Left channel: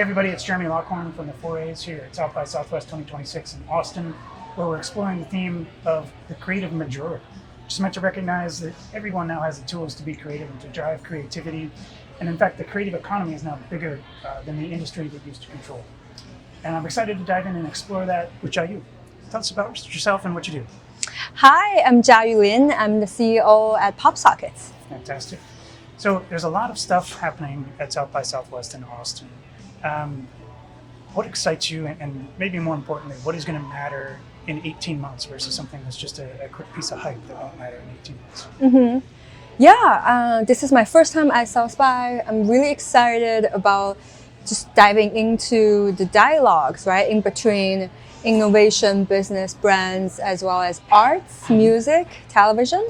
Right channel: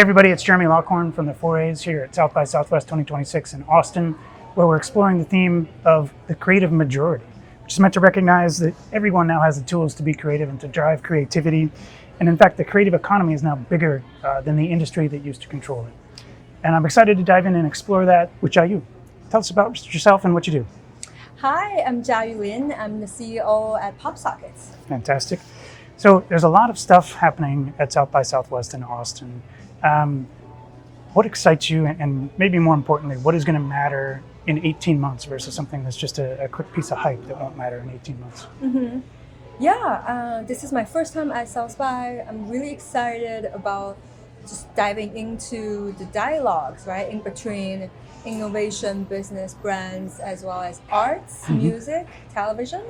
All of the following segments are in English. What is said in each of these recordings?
Hey everybody, it's Jeremy Lockhorn from the 4As here at South by Southwest 2026 in Austin, where we're exploring the theme of the creative majority, which is meant to recognize that everyone now has the tools to be creative and to drive creativity. And in fact, the creative economy is now bigger than the industry that used to control it. And I'm excited to dive in and explore that with Jiayu. Tell us about yourself and what you do. Hi, I'm Jiayu Lin. I'm the CEO at PopSockets. Fantastic. So there's a lot of stuff happening at South by Southwest in Austin. What excites you, and maybe more importantly, what is going to matter in 18 months versus something that's just a quick piece of hype that won't matter in 18 months? This is my first time at South by. I'm really excited about just diving into the dialogues, right, in between innovation, business, brands, as well as arts, music, television.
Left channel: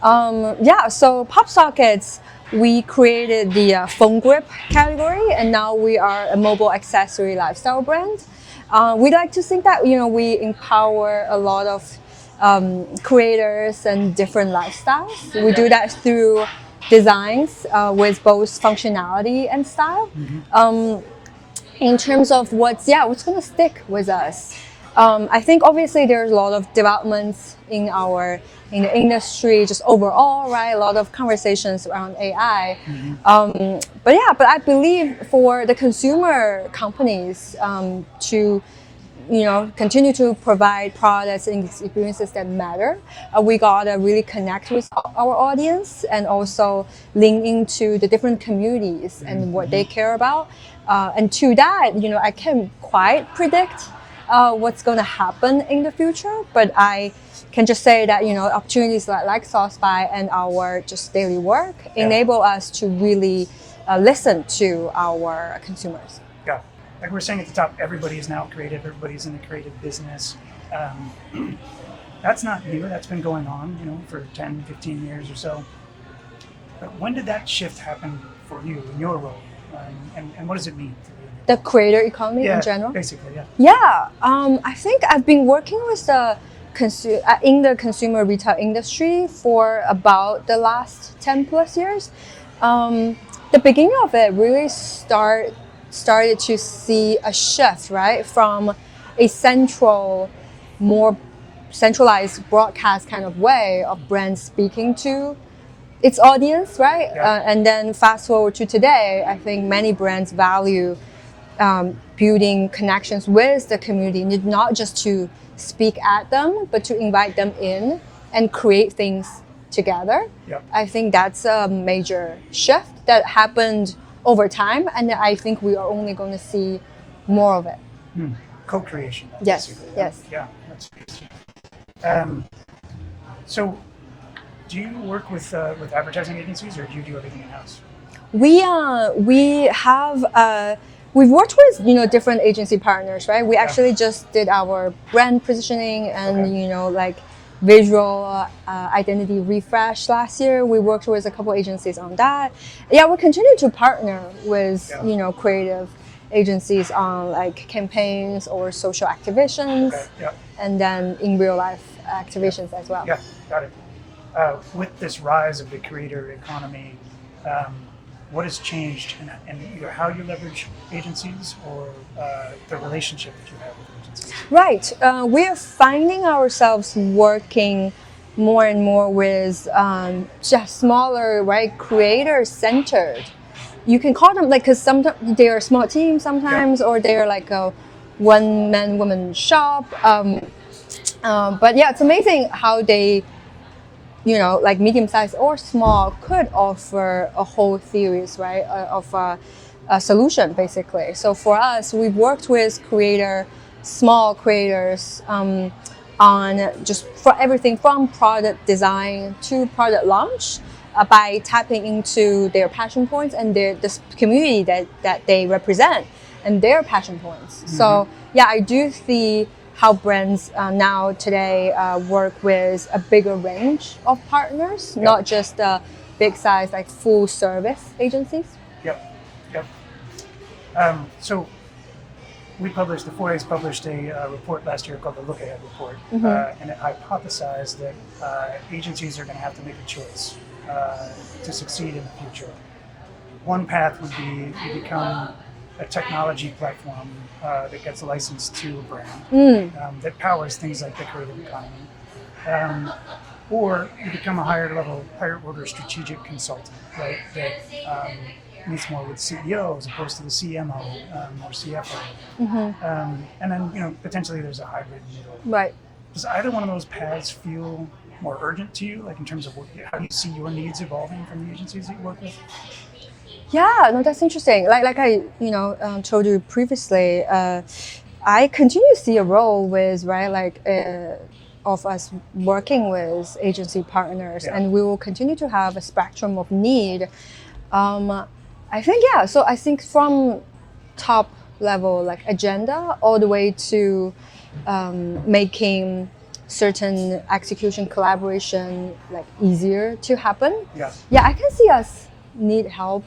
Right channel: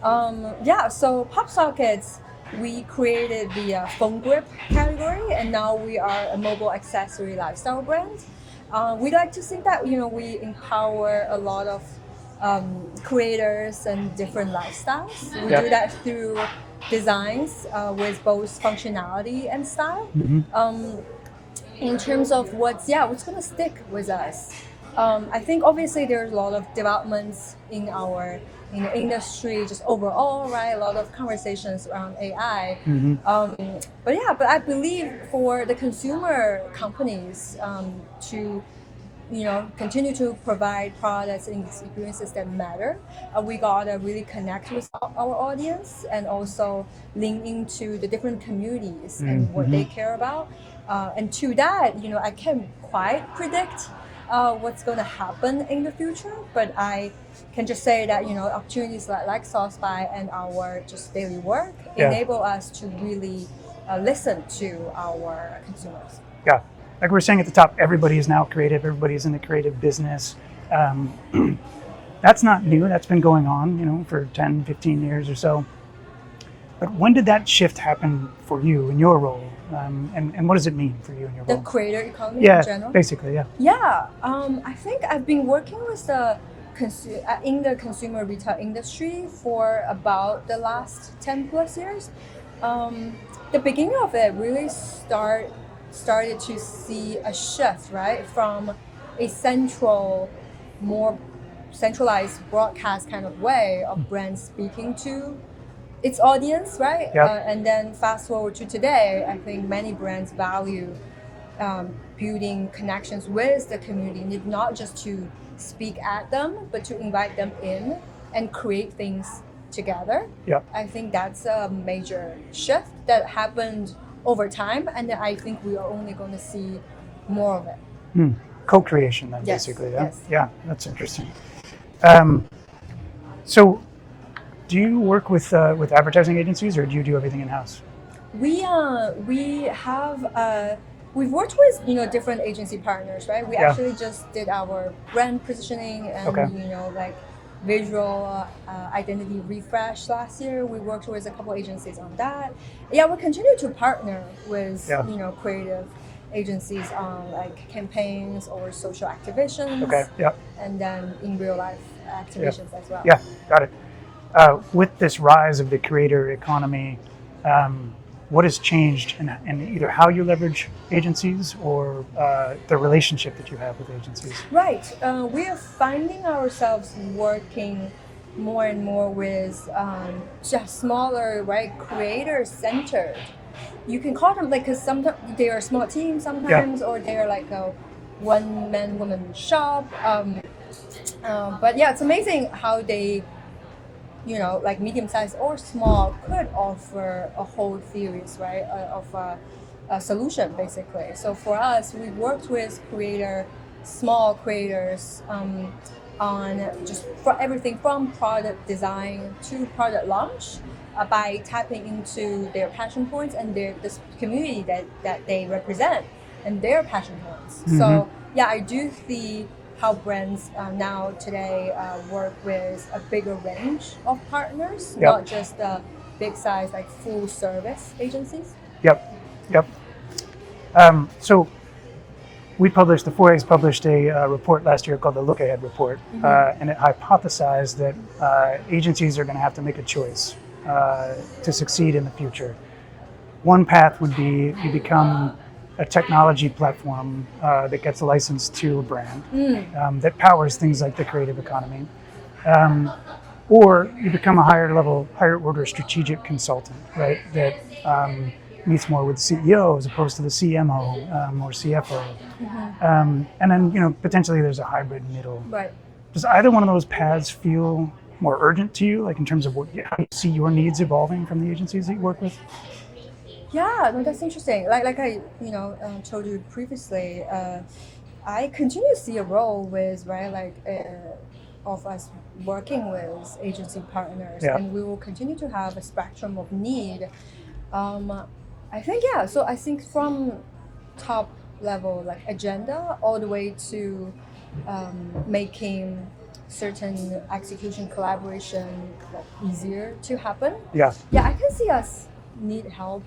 So PopSockets, we created the phone grip category, and now we are a mobile accessory lifestyle brand. We like to think that we empower a lot of creators and different lifestyles. We do that through designs with both functionality and style. In terms of what's going to stick with us, I think obviously there's a lot of developments in the industry, just overall, right? A lot of conversations around AI. But I believe for the consumer companies to continue to provide products and experiences that matter, we gotta really connect with our audience and also lean into the different communities and what they care about. And to that, I can't quite predict what's going to happen in the future, but I can just say that opportunities like South by and our just daily work enable us to really listen to our consumers. Yeah, like we were saying at the top, everybody is now creative. Everybody's in the creative business. That's not new. That's been going on, for 10, 15 years or so. But when did that shift happen for you in your role? And what does it mean for you in your The role? creator economy in general? Basically, yeah. Yeah, I think I've been working with in the consumer retail industry for about the last 10 plus years. The beginning of it really started to see a shift, right, from a more centralized broadcast kind of way of brands speaking to its audience, right? And then fast forward to today, I think many brands value building connections with the community, not just to speak at them, but to invite them in and create things together. I think that's a major shift that happened over time, and I think we are only going to see more of it. Co-creation, then, basically. Yes. Yeah, that's interesting. So, do you work with advertising agencies, or do you do everything in house? We've worked with different agency partners, right? We actually just did our brand positioning and visual identity refresh last year. We worked with a couple agencies on that. We continue to partner with creative agencies on campaigns or social activations, and then in real life activations as well. Yeah, got it. With this rise of the creator economy, what has changed in either how you leverage agencies or the relationship that you have with agencies? Right. We are finding ourselves working more and more with just smaller, right, creator-centered. You can call them because sometimes they are small teams sometimes, or they're like a one-man, woman shop. But it's amazing how they medium-sized or small could offer a whole series, right, of a solution, basically. So for us, we've worked with small creators on just for everything from product design to product launch by tapping into their passion points and the community that they represent and their passion points. So I do see how brands now today work with a bigger range of partners, not just big size full service agencies. So the 4As published a report last year called the Look Ahead Report, and it hypothesized that agencies are going to have to make a choice to succeed in the future. One path would be you become a technology platform that gets licensed to a brand that powers things like the creative economy. Or you become a higher order strategic consultant, right? That meets more with the CEO as opposed to the CMO or CFO. And then, potentially there's a hybrid middle. Right. Does either one of those paths feel more urgent to you, like in terms of how you see your needs evolving from the agencies that you work with? Yeah, no, that's interesting. Like I, told you previously, I continue to see a role with, of us working with agency partners, and we will continue to have a spectrum of need. I think, so I think from top level, like agenda, all the way to making certain execution collaboration like easier to happen. Yeah, I can see us need help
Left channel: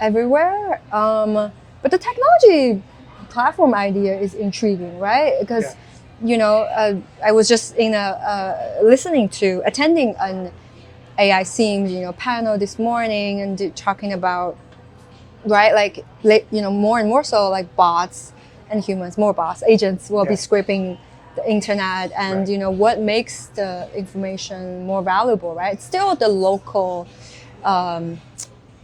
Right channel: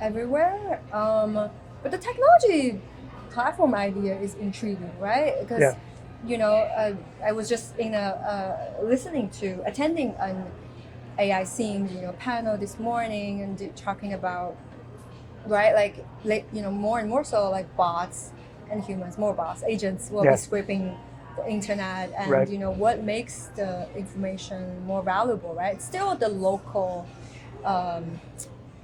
everywhere. But the technology platform idea is intriguing, right? Because I was just attending an AI themed panel this morning and talking about more and more so like bots and humans, more bots, agents will be scraping the internet and what makes the information more valuable, right? It's still the local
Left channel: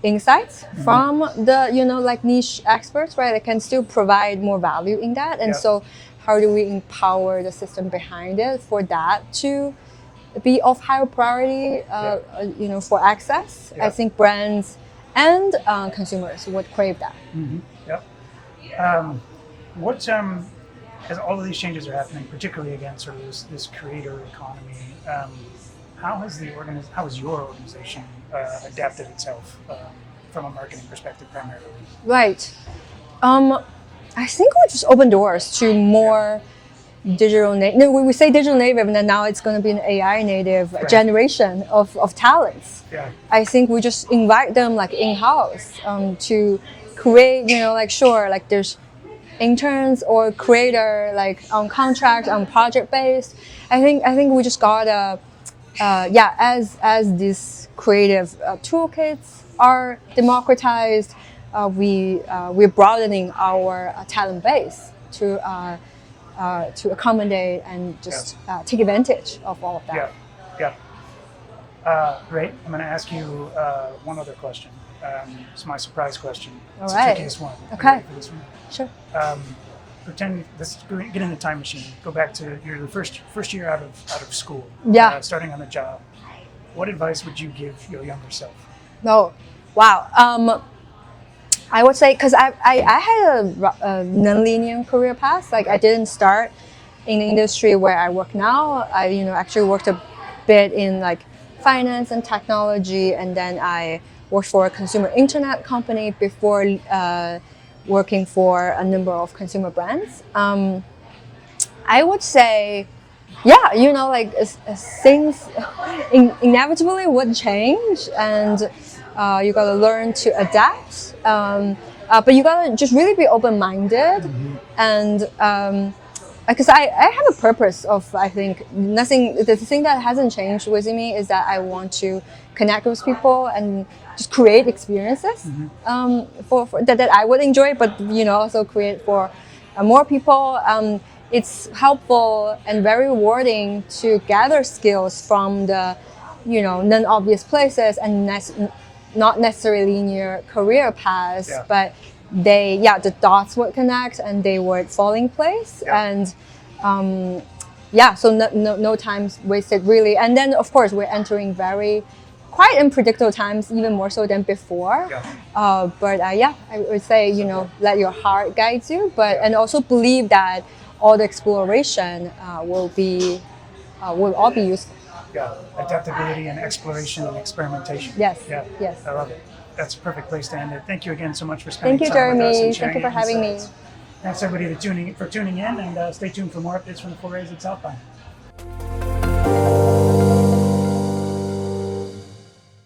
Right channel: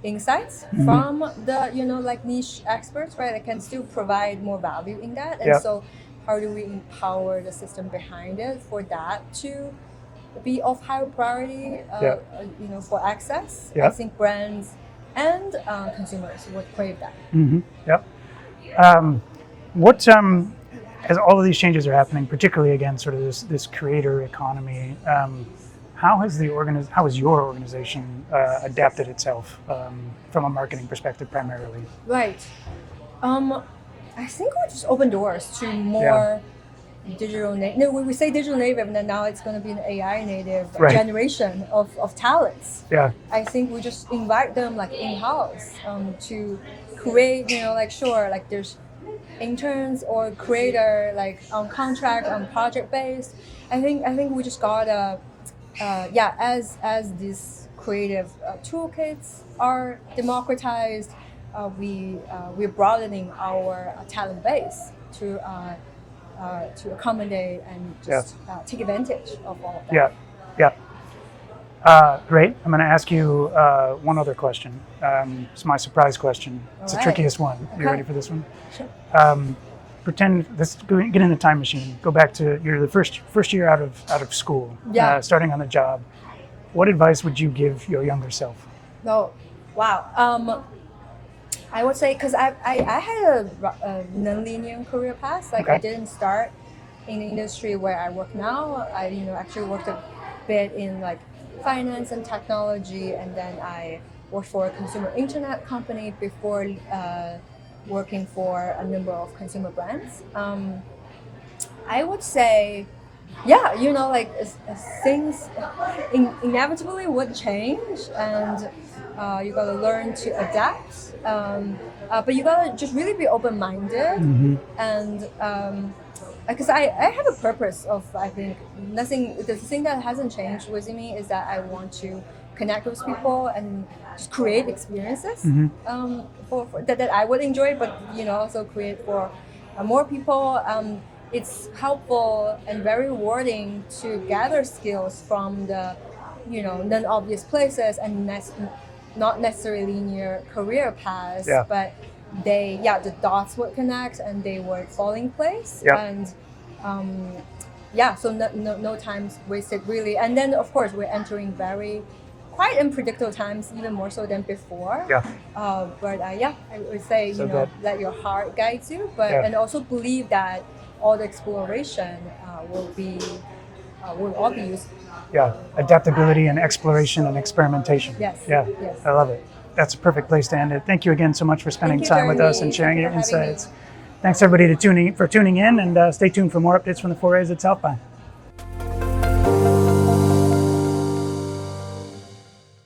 insights from the niche experts, right? They can still provide more value in that, and so how do we empower the system behind it for that to be of higher priority, for access? I think brands and consumers would crave that. What as all of these changes are happening, particularly again, sort of this creator economy, how has your organization adapted itself from a marketing perspective primarily? Right. I think we just open doors to more digital native. No, we say digital native, and then now it's going to be an AI native generation of talents. Yeah. I think we just invite them like in-house to create. There's interns or creator like on contract, on project based. I think we just gotta as these creative toolkits are democratized, we're broadening our talent base to accommodate and just take advantage of all of that. Great. I'm going to ask you one other question. It's my surprise question. It's the trickiest one. Are you ready for this one? Sure. Let's get in a time machine. Go back to you're the first year out of school. Starting on the job. What advice would you give your younger self? Oh, wow. I would say, because I had a non-linear career path. I didn't start in the industry where I work now. I actually worked a bit in finance and technology, and then I worked for a consumer internet company before working for a number of consumer brands. I would say, things inevitably would change, and you gotta learn to adapt. But you gotta just really be open-minded, and because I have a purpose of, I think, the thing that hasn't changed within me is that I want to connect with people and just create experiences for that I would enjoy, but also create for more people. It's helpful and very rewarding to gather skills from the non-obvious places and not necessarily linear career paths, but the dots would connect and they would fall in place, and so no time wasted really. And then of course we're entering quite unpredictable times, even more so than before. But I would say let your heart guide you, and also believe that all the exploration will all be useful. Adaptability and exploration and experimentation. Yes. I love it. That's a perfect place to end it. Thank you again so much for spending time with us and sharing your insights. Thanks everybody for tuning in, and stay tuned for more updates from the 4As at South by.